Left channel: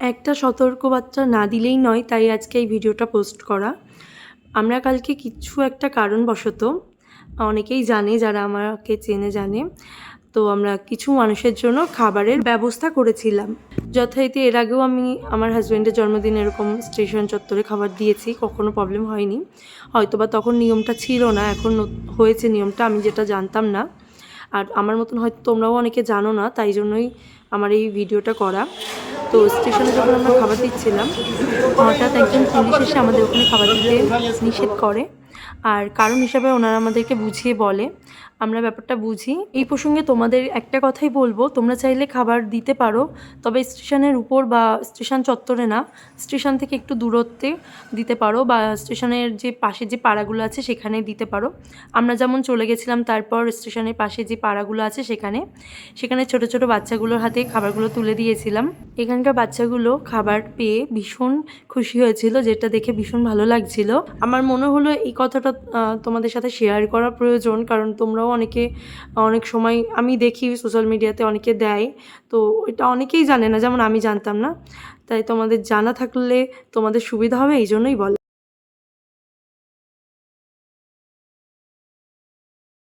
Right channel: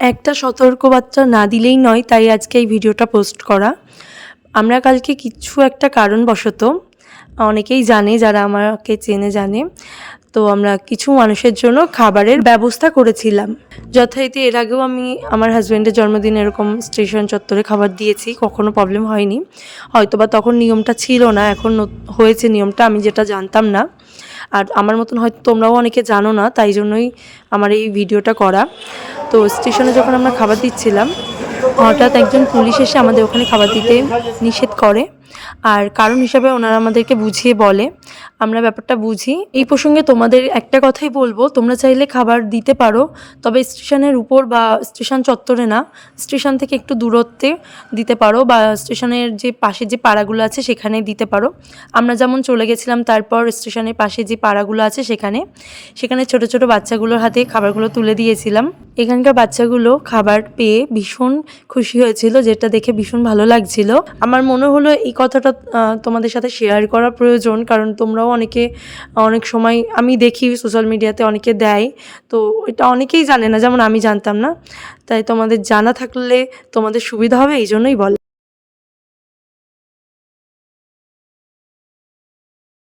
একটা সতর্কবার্তা না দিলেই নয়, তাই আজকে এই ভিডিওটা পোস্ট করা। আমরা কালকে কিছু একটা কারণবশত, অনেকেই জানে যারা আমাকে চেনে জানে, তো আমরা কিছু মানুষের জন্য খাবারের ব্যবস্থা করেছিলাম। যথারীতি এর আগেও আমি আমার হাজব্যান্ডের জন্মদিনে এরকম স্টেশন চত্বরে খাবার দিয়েছি, কখনো প্রবলেম হয়নি। হয়তোবা তখন নিয়মটা ছিল না, এখন হয়েছে নিয়মটা, আমি যেটা জানতাম না। আর আমার মতন হয়তো তোমরাও অনেকে জানো না, তাই জন্যই আমার এই ভিডিওটা করা। তো স্টেশনে যখন আমরা খাবার দিচ্ছিলাম, হঠাৎ একজন পুলিশ এসে আমাদের ওখানে খাবার দিতে নিষেধ করে। আর কারণ হিসাবে ওনারা আমাদেরকে বুঝিয়ে বলে, আমরা ব্যাপারটা বুঝি। এই প্রসঙ্গে তোমাদের একটা কথাই বলবো, তোমরা চাইলে খাবার দিতে পারো, তবে স্টেশনের উপর বা স্টেশন চত্বরে না, স্টেশন থেকে একটু দূরত্বে দিতে পারো, বা স্টেশনের যে পাশে যে পাড়াগুলো আছে সেখানে দিতে পারো। আমরা যেমন চলে গেছিলাম, তারপর স্টেশনের পাশে যে পাড়াগুলো আছে সেখানে ছোট ছোট বাচ্চাগুলোর হাতে খাবারগুলো তুলে দিয়েছিলাম। এখানকার বাচ্চাগুলো খাবার পেয়ে ভীষণ খুশি হয়েছিল, যেটা দেখে ভীষণ ভালো লাগছিল। আমার মনে হলো এই কথাটা তোমাদের সাথে শেয়ার করা প্রয়োজন, কারণ তোমরাও অনেক সময় আমি দেখি সোশ্যাল মিডিয়াতে অনেকে দেয়, তো এটা অনেকেই জানে না, যেমন আমি জানতাম না। তাই তোমাদের জানা থাকলে তোমাদের সুবিধা হবে, এই জন্যই বলা।